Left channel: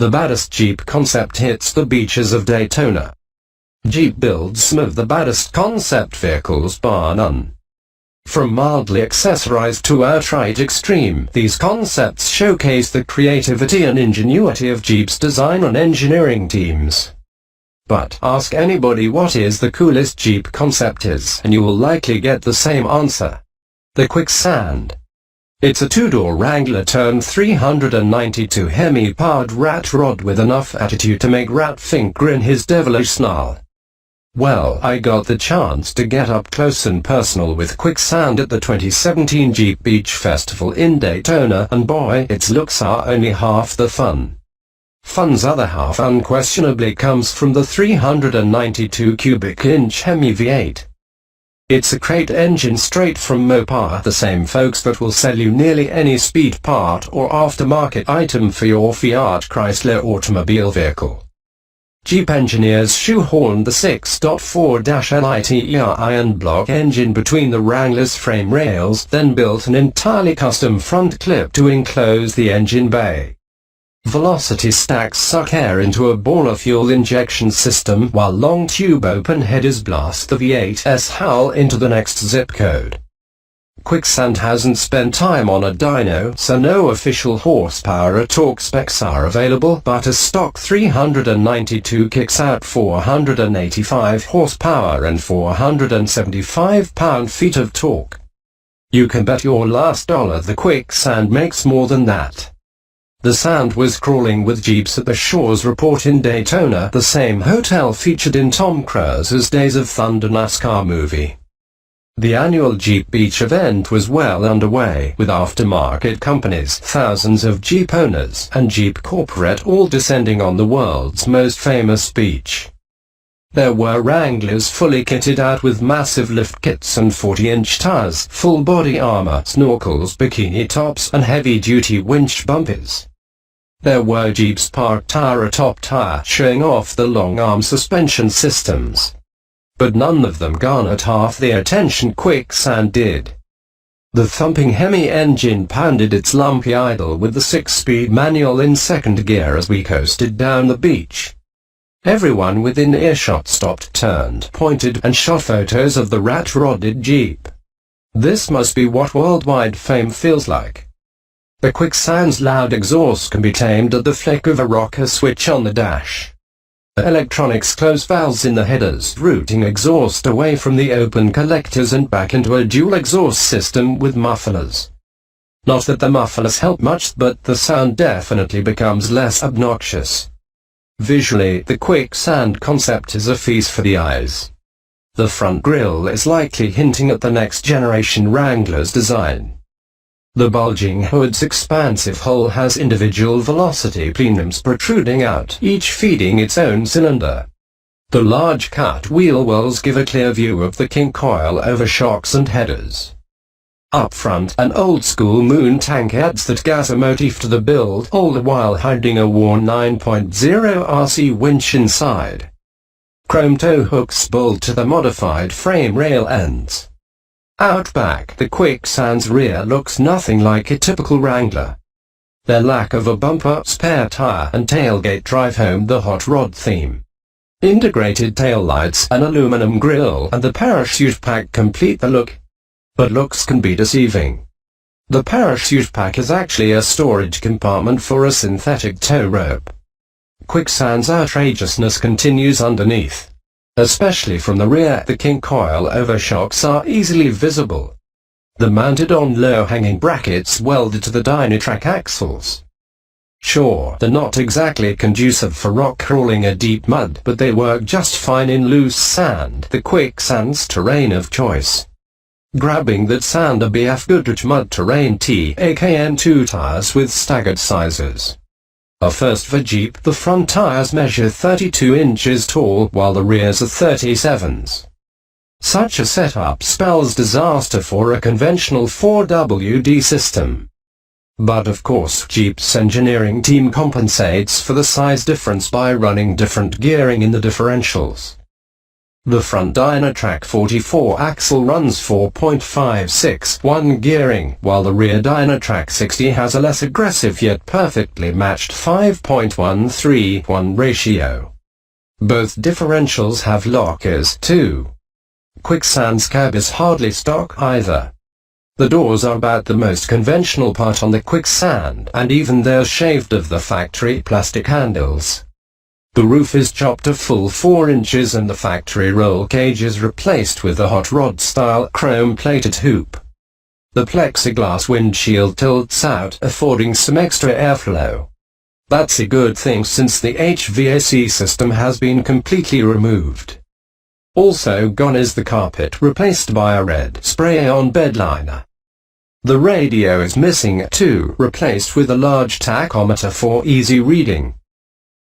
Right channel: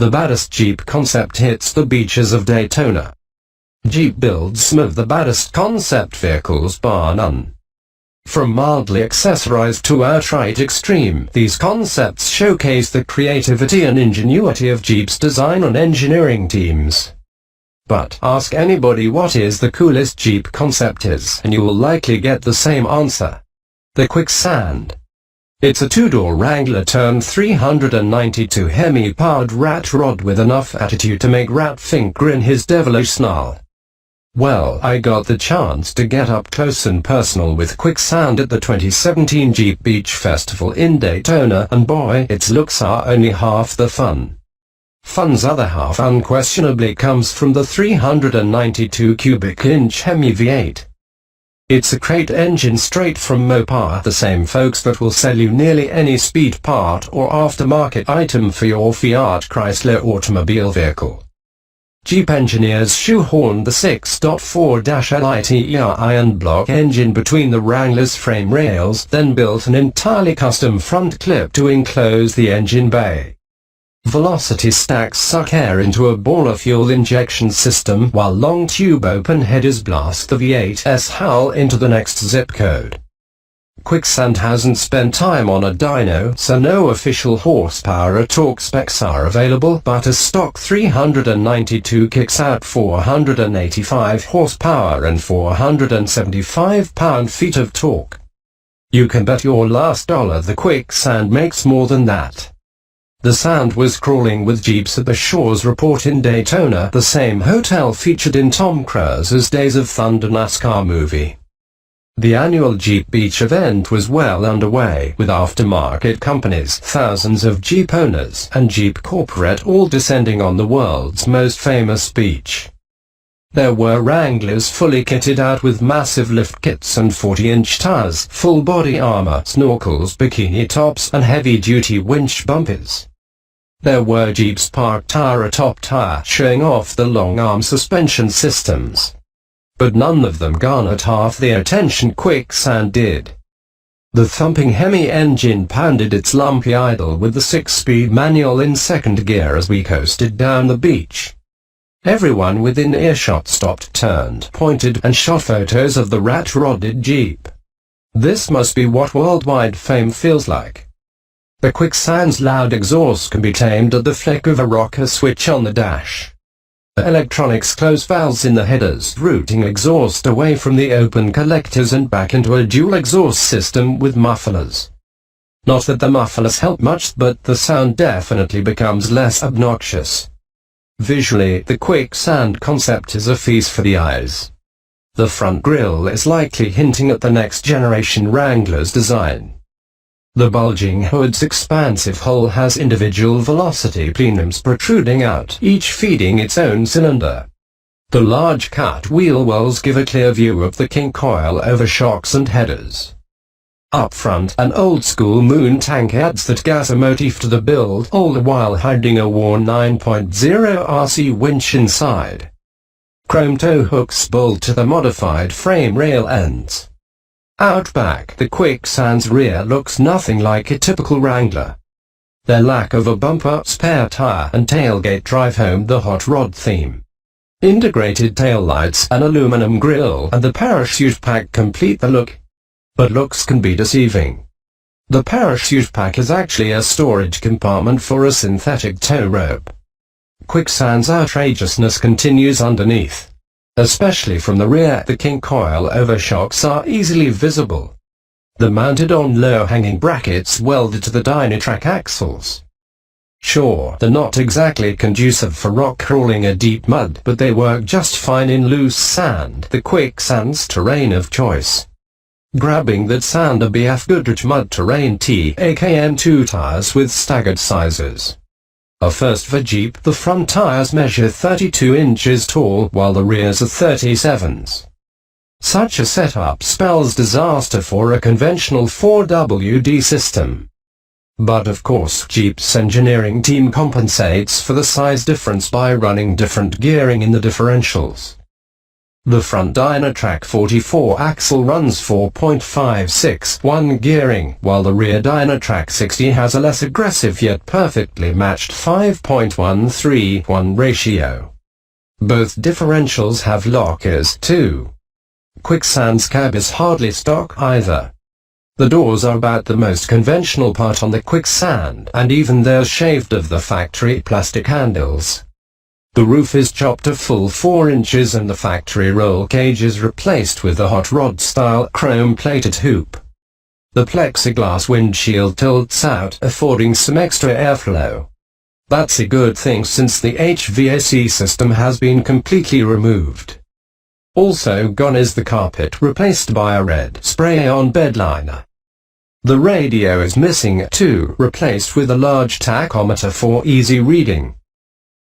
The baddest Jeep concept hits the beaches of Daytona. Jeep builds some of the baddest concept vehicles bar none. From mildly accessorized to outright extreme, these concepts showcase the creativity and ingenuity of Jeep's design and engineering teams. But ask anybody what is the coolest Jeep concept is, and you will likely get the same answer. The Quicksand. It's a two-door Wrangler turned 392 Hemi-powered rat rod with enough attitude to make Rat Fink grin his devilish snarl. Well, I got the chance to get up close and personal with Quicksand at the 2017 Jeep Beach Festival in Daytona, and boy, its looks are only half the fun. Fun's other half unquestionably comes from the 392 cubic inch Hemi V8. It's a crate engine straight from Mopar, the same folks that will sell you nearly any speed part or aftermarket item for your Fiat Chrysler automobile vehicle. Jeep engineers shoehorned the 6.4-LITER iron block engine between the Wrangler's frame rails, then built an entirely custom front clip to enclose the engine bay. Velocity stacks suck air into a baller fuel injection system, while long tube open headers blast the V8's howl into the next zip code. Quicksand hasn't spent time on a dyno, so no official horsepower or torque specs are available, but a stock 392 kicks out 485 horsepower and 475 pound-feet of torque. You can bet your last dollar the Quicksand makes more than that. The sand was crawling with Jeeps at the Shores Report in Daytona, the same hotel featured in Tom Cruise's Days of Thunder NASCAR movie. The annual Jeep Beach event was well underway, with aftermarket companies, thousands of Jeep owners, and Jeep Corporate all descending on the world's most famous beach. There were Wranglers fully kitted out with massive lift kits and 40-inch tires, full body armor, snorkels, bikini tops, and heavy-duty winch bumpers. There were Jeeps parked tire atop tire, showing off the long-arm suspension systems. But none of them garnered half the attention Quicksand did. The thumping Hemi engine pounded its lumpy idle with the 6-speed manual in second gear as we coasted down the beach. Everyone within earshot stopped, turned, pointed, and shot photos of the rat-rodded Jeep. This must be what worldwide fame feels like. The Quicksand's loud exhaust can be tamed at the flick of a rocker switch on the dash. Electronics close valves in the headers, routing exhaust away from the open collectors and back into a dual exhaust system with mufflers. Not that the mufflers help much, but the sound definitely becomes less obnoxious. Visually, the Quicksand concept is a feast for the eyes. The front grille is likely hinting at the next generation Wrangler's design. The bulging hood's expansive hull has individual velocity plenums protruding out, each feeding its own cylinder. The large cut wheel wells give a clear view of the kink coil over shocks and headers. Up front, an old-school moon tank adds that gas motif to the build, all the while hiding a worn 9.0 RC winch inside. Chrome tow hooks bolt to the modified frame rail ends. Out back, the Quicksand's rear looks nothing like a typical Wrangler. Their lack of a bumper, spare tire, and tailgate drive home the hot rod theme. Integrated taillights, an aluminum grille, and the parachute pack complete the look. But looks can be deceiving. The parachute pack is actually a storage compartment for a synthetic tow rope. Quicksand's outrageousness continues underneath. Especially from the rear, the kink coil over shocks are easily visible. They're mounted on low-hanging brackets welded to the Dynatrack axles. Sure, they're not exactly conducive for rock crawling a deep mud, but they work just fine in loose sand, the Quicksand's terrain of choice. Grabbing that sand, a BF Goodrich mud terrain TAKM2 tires with staggered sizes. A first for Jeep, the front tires measure 32 inches tall, while the rears are 37s. Such a setup spells disaster for a conventional 4WD system. But of course, Jeep's engineering team compensates for the size difference by running different gearing in the differentials. The front Dynatrac 44 axle runs 4.561 gearing, while the rear Dynatrac 60 has a less aggressive yet perfectly matched 5.131 ratio. Both differentials have lockers too. Quicksand's cab is hardly stock either. The doors are about the most conventional part on the Quicksand, and even they're shaved of the factory plastic handles. The roof is chopped a full 4 inches and the factory roll cage is replaced with a hot rod style chrome-plated hoop. The plexiglass windshield tilts out, affording some extra airflow. That's a good thing since the HVAC system has been completely removed. Also gone is the carpet, replaced by a red spray-on bed liner. The radio is missing too, replaced with a large tachometer for easy reading.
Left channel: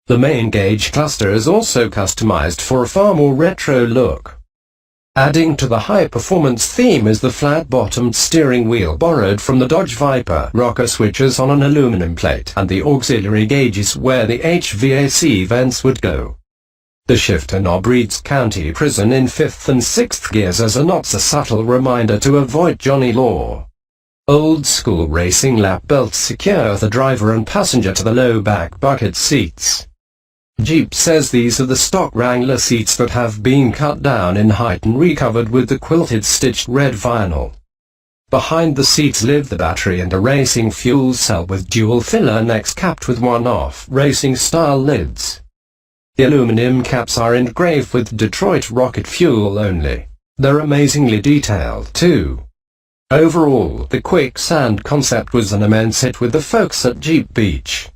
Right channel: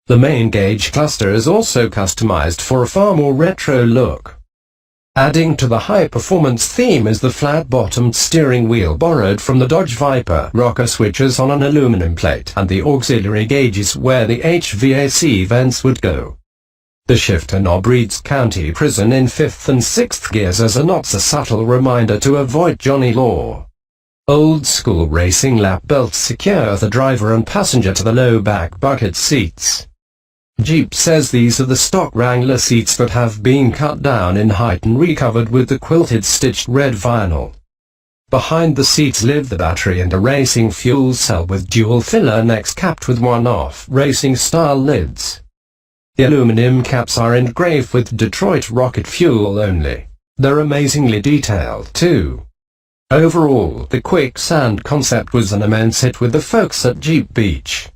The main gauge cluster is also customized for a far more retro look. Adding to the high-performance theme is the flat-bottomed steering wheel borrowed from the Dodge Viper, rocker switches on an aluminum plate, and the auxiliary gauges where the HVAC vents would go. The shifter knob reads County Prison in 5th and 6th gears as a not so subtle reminder to avoid Johnny Law. Old-school racing lap belts secure the driver and passenger to the low-back bucket seats. Jeep says these are the stock Wrangler seats that have been cut down in height and recovered with the quilted stitched red vinyl. Behind the seats live the battery and a racing fuel cell with dual filler necks capped with one-off racing-style lids. The aluminum caps are engraved with Detroit rocket fuel only. They're amazingly detailed too. Overall, the Quicksand concept was an immense hit with the folks at Jeep Beach.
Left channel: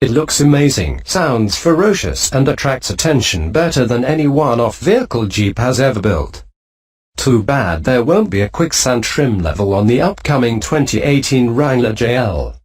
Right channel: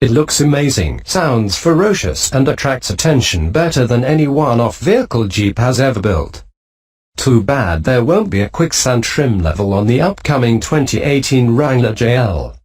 It looks amazing, sounds ferocious, and attracts attention better than any one-off vehicle Jeep has ever built. Too bad there won't be a Quicksand trim level on the upcoming 2018 Wrangler JL.